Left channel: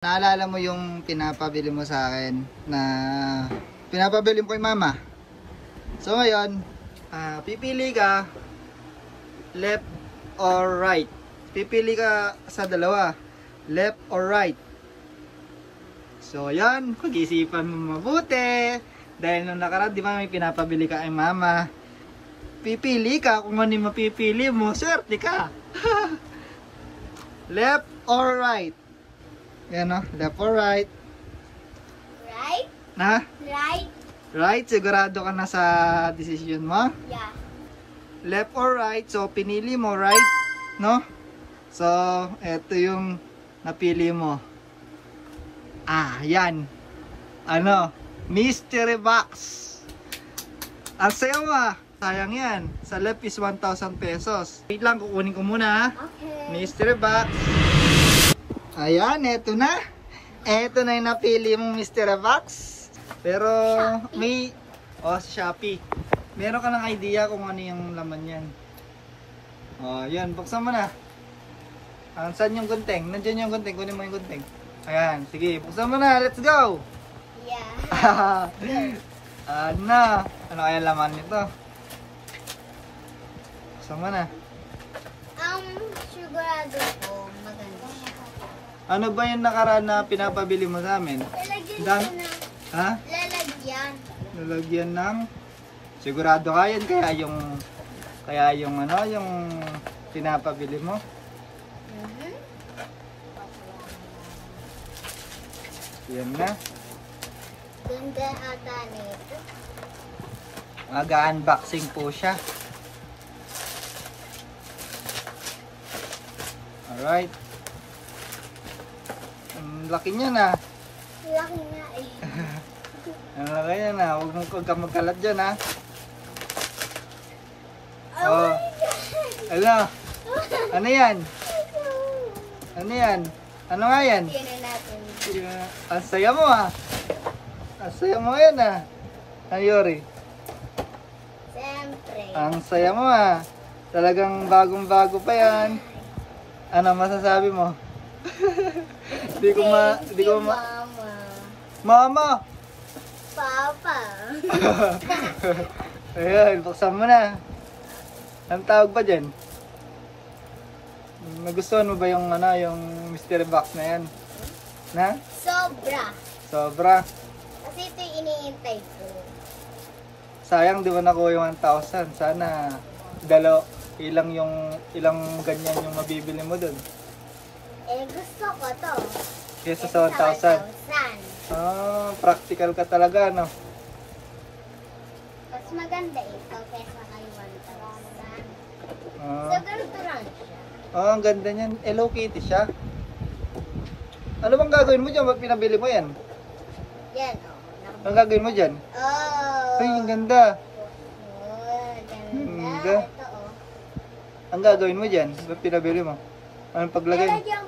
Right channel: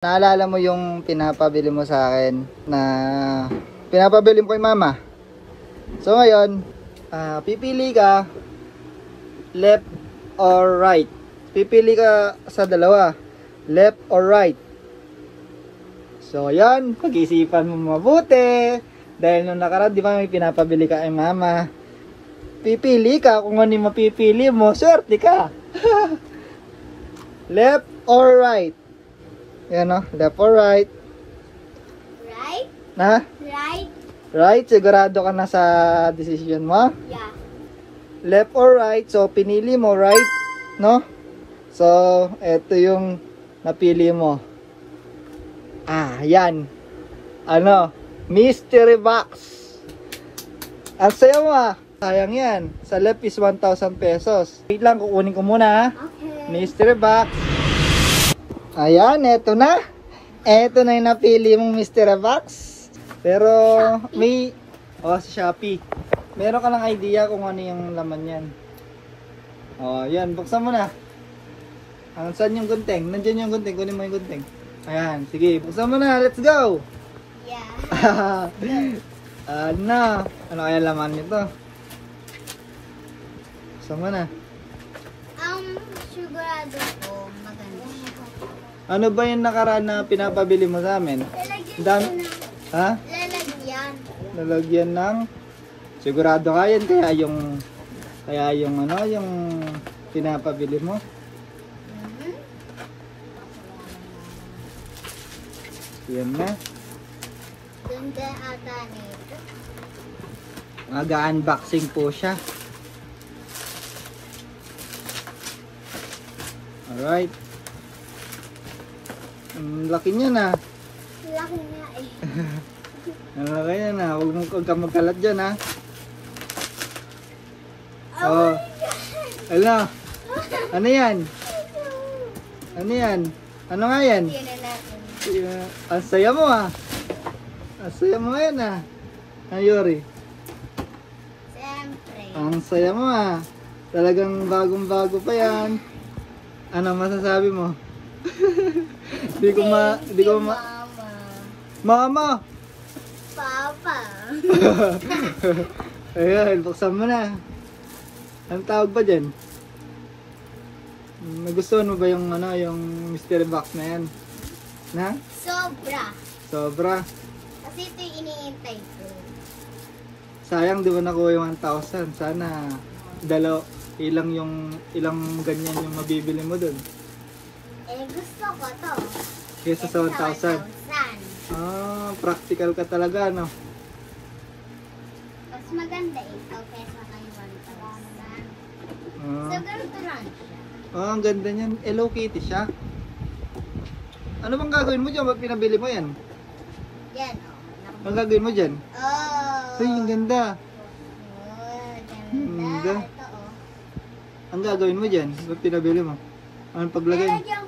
Naalala mo yung pinapabili mo sa akin na pinapabili mo kay mama. So ngayon, pipili ka left or right. Pipili ka sa dalawa, left or right. So yan, pag-isipan mo mabuti. Dahil nung nakaraan, di ba may pinapabili ka kay mama. Pipili ka kung ano yung mapipili mo, swerte ka. Left or right? Yan o, left or right? Right? Na? Right? Right? Sigurado ka na sa decision mo? Yeah. Left or right? So, pinili mo right, no? So, eto yung napili mo. Yan. Ano? Mystery box. Ang sayo mo Sayang yan. Sa left is 1,000 pesos. Wait lang, kukunin ko muna ha. Okay. Mystery box. Ayan, eto na. Eto na yung napili mong mystery box. Pero may sa Shopee. Meron ka ng idea kung ano yung laman yan. Yan, buksan mo na. Saan yung gunting? Nandiyan yung gunting, kunin mo yung gunting. Ayan, sige, buksan mo na. Let's go. Yeah. Ano kaya laman nito? Buksan mo na. Sigurado ko maganda siya. Ano ba yung nakaraan na pinapabili mo sa amin? Lalagyan ko ng... Ha? Lalagyan. Lalagyan ng sigurado ka yan kaya yung ano yung pinapabili mo. Yan na. Ganda ata nito. Mag-unboxing po siya. Alright. Ang laki niya na. Laki nga eh. Ang laki niya na. Huwag kang magkalat dyan ha. Oh. Ala. Ano yan? Ano yan? Ano nga yan? Tingnan natin. Ang saya mo ha. Ang saya mo yan ha. Ayori. Siyempre. Ang saya mo ha. Talagang bagong-bago pa yan. Ano masasabi mo? Di ko Mama. Mama! Papa. Ayun, buksan mo na. Ang tawag pa dyan? Nagustuhan mo ba yung mystery box na yan? Na? Sobra. Sobra. Kasi ito yung iniintay ko. Sayang di ba nakuha yung 1,000? Sana ilang ganyan yung mabibili mo dun. Gusto ko to. Kesa sa 1,000. Practical ka talaga, no? Mas maganda ito kesa kay 1,000. So, ganito lang siya. Ang ganda niyan. Hello Kitty siya. Ano bang gagawin mo dyan? Ba't pinabili mo yan? Yan, Ang gagawin mo dyan? Ay, ang ganda. Ganda. Ang gagawin mo dyan? Ba't pinabili mo? Anong paglagay? Lalagyan